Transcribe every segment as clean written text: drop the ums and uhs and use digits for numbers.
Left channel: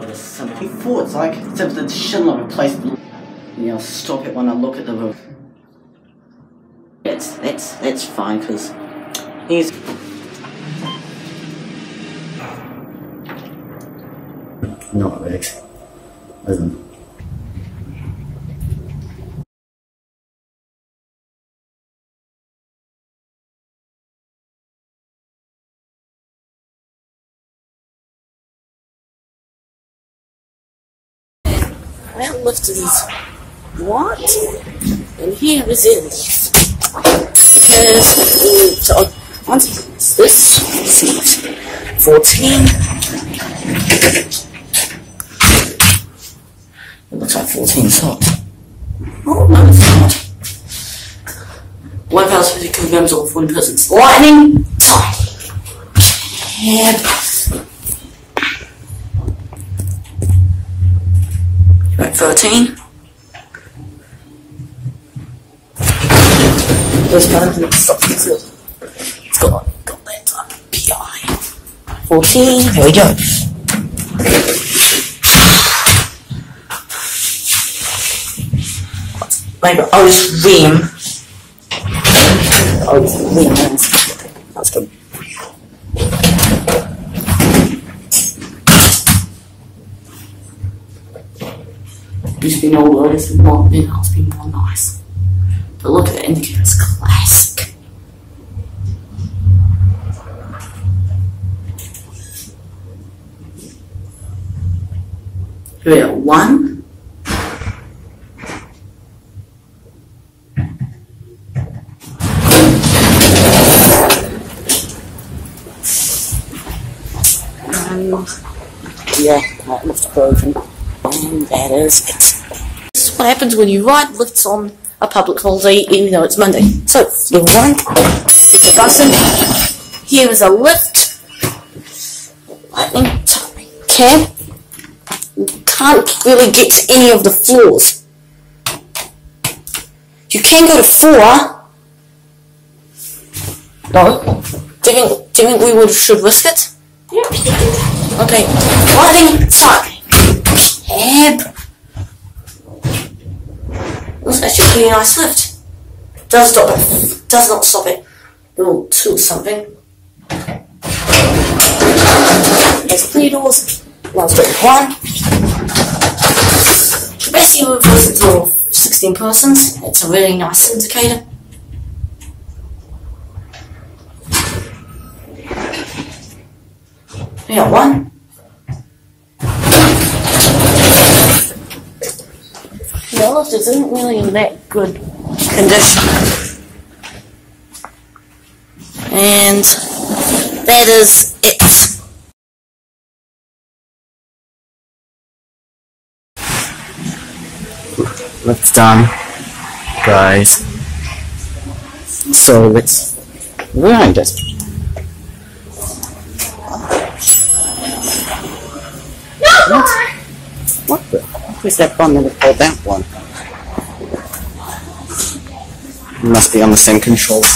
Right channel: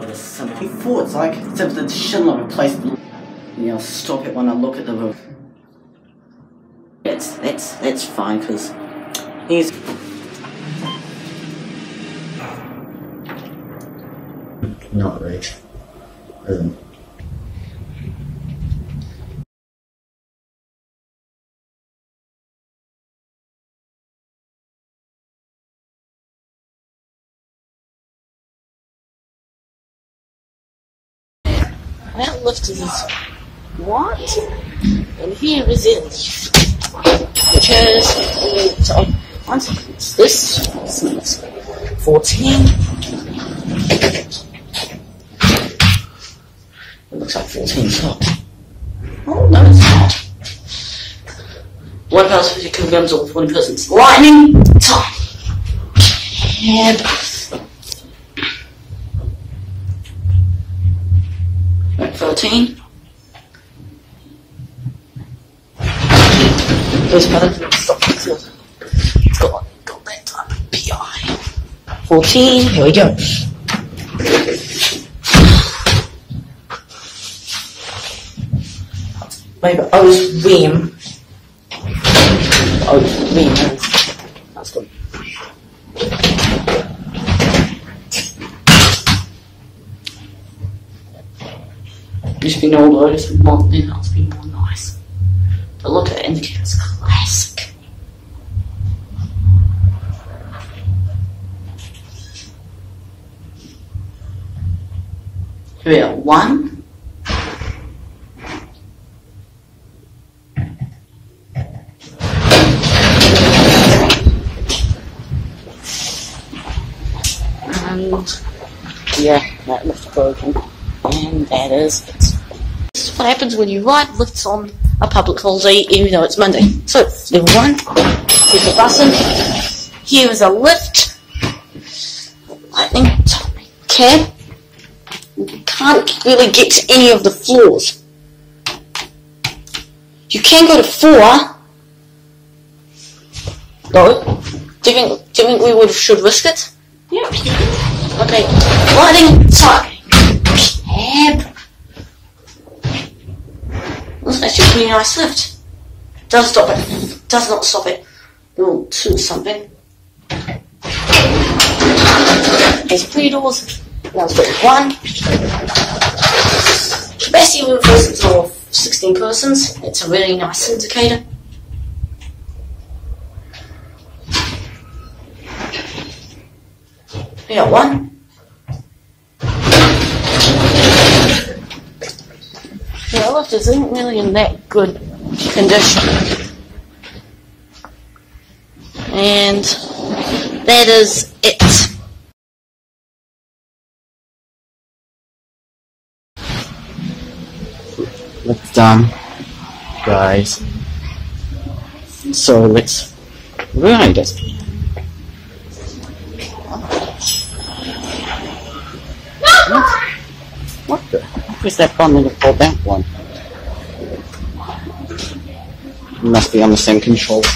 the 74. It's like except that shouldn't have replaced. You know, stop it when I look at the roof. That's fine because he's. Not right. What? And here is it. Which is so what's this? 14. It looks like 14 top. Oh, no, it's not. One person who confirms all 1 person's lightning top. Yeah. Right, 13. He's got to stop this. It's got that time. PI. 14. There we go. Like Otis Ream. Otis Ream. That's good. Just been old Otis, not been more nice. But look at it, it's classic. Here we go, 1. What happens when you right click on a public holiday even though it's Monday. So, you want with the button, here is a lift, okay, you can't really get to any of the floors. You can go to 4, no, do you think we should risk it? Yeah. Okay, lightning top, cab. That's a really nice lift. Does not stop it. We'll tilt something. There's 3 doors. One's got 1. Best you move this until 16 persons. It's a really nice indicator. We got 1. The lift isn't really in that good condition. And that is it. Lift's done, guys. So let's wind it. What the fuck is that phone with the must be on the same controls.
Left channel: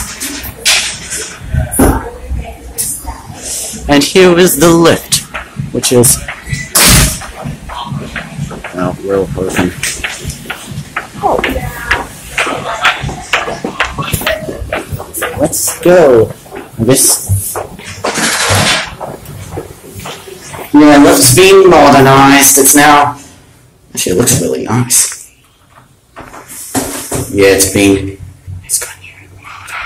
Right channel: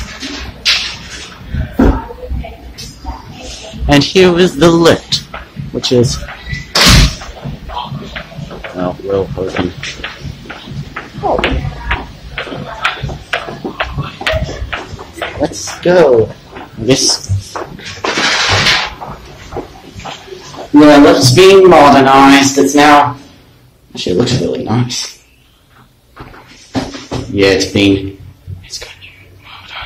And here is the lift, which is real good. Let's go. Yes. Yeah, the lift's been modernized. It's now. Actually, it looks really nice. Yeah, it's got new motor.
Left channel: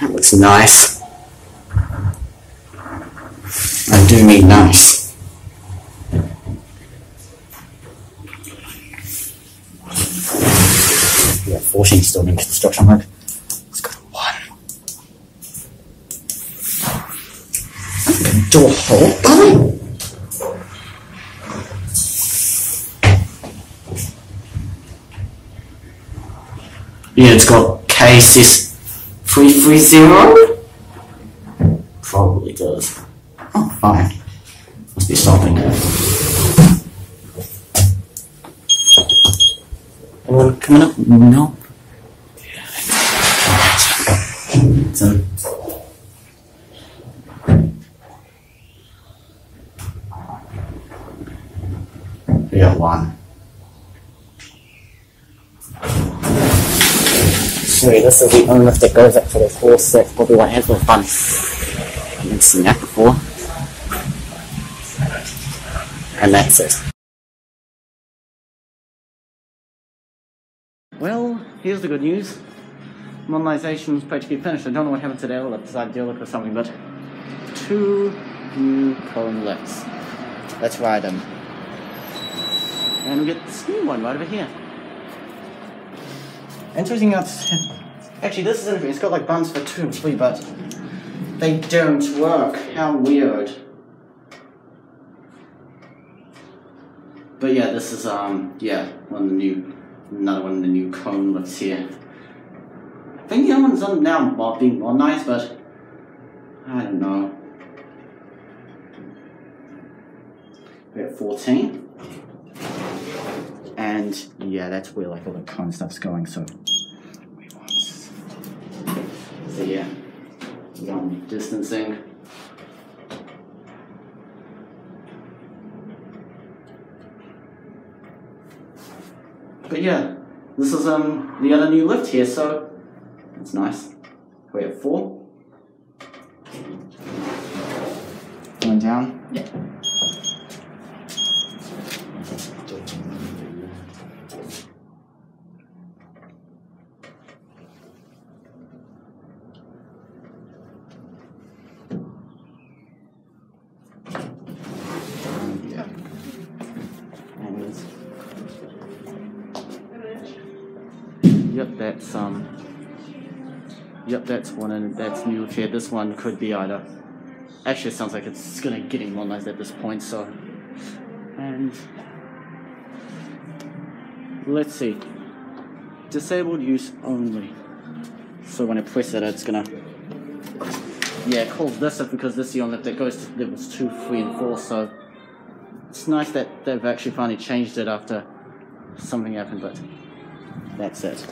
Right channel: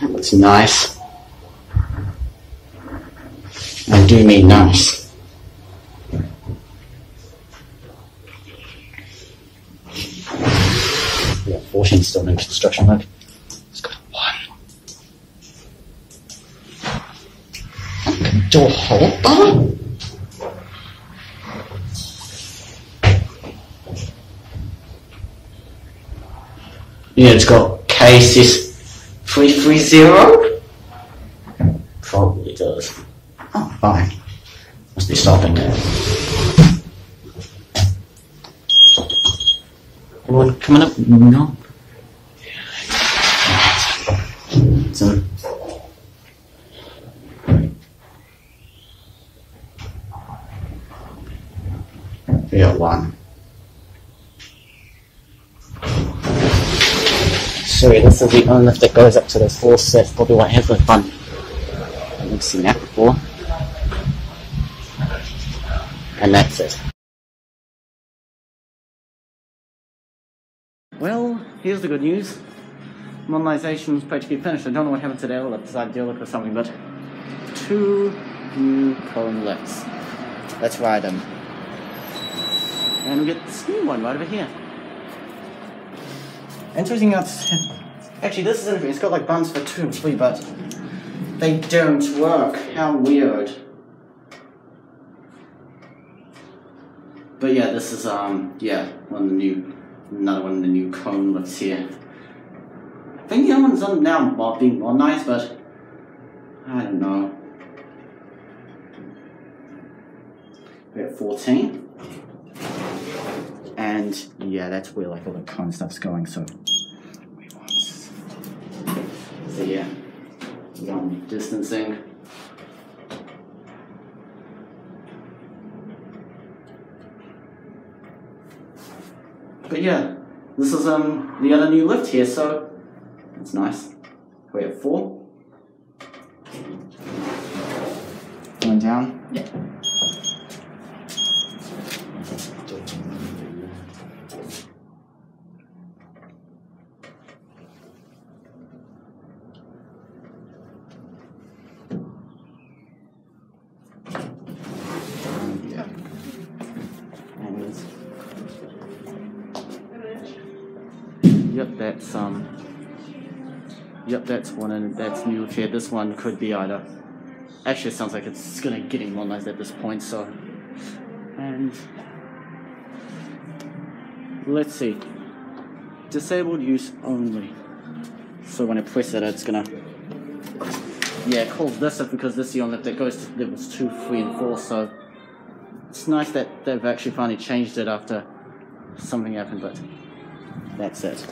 That looks nice. I do need nice. Yeah, 14 still in construction mode. It's got 1. Door hole. Oh. Yeah, it's got KSS 330. Probably does. Oh, fine. Must be something. Anyone coming up? No. So. Yeah, one. So this is the only lift that goes up to the full surf or whatever, but I've seen that before. And that's it. Well, here's the good news. Modernisation's practically finished. I don't know what happened to the other lift, decided to look or something, but 2 new KONE lifts. Let's ride them. And we get this new one right over here. Interesting enough, actually this is interesting, it's got like buttons for 2 and 3, but they don't work. How weird. But yeah, this is yeah, another one of the new KONE lifts here. I think the other one's now being modernized, but I don't know. We're at 14. And yeah, that's where like all the KONE stuff's going, so yeah, one distancing. But yeah, this is the other new lift here, so it's nice. We're at 4. Going down. Yeah. Yep, that's one, and that's new chair. This one could be either. Actually, it sounds like it's gonna getting modernized at this point. So, and let's see. Disabled use only. So when I press it, it's gonna. Yeah, it calls this up because this is the only lift that goes to levels 2, 3, and 4. So it's nice that they've actually finally changed it after something happened, but that's it.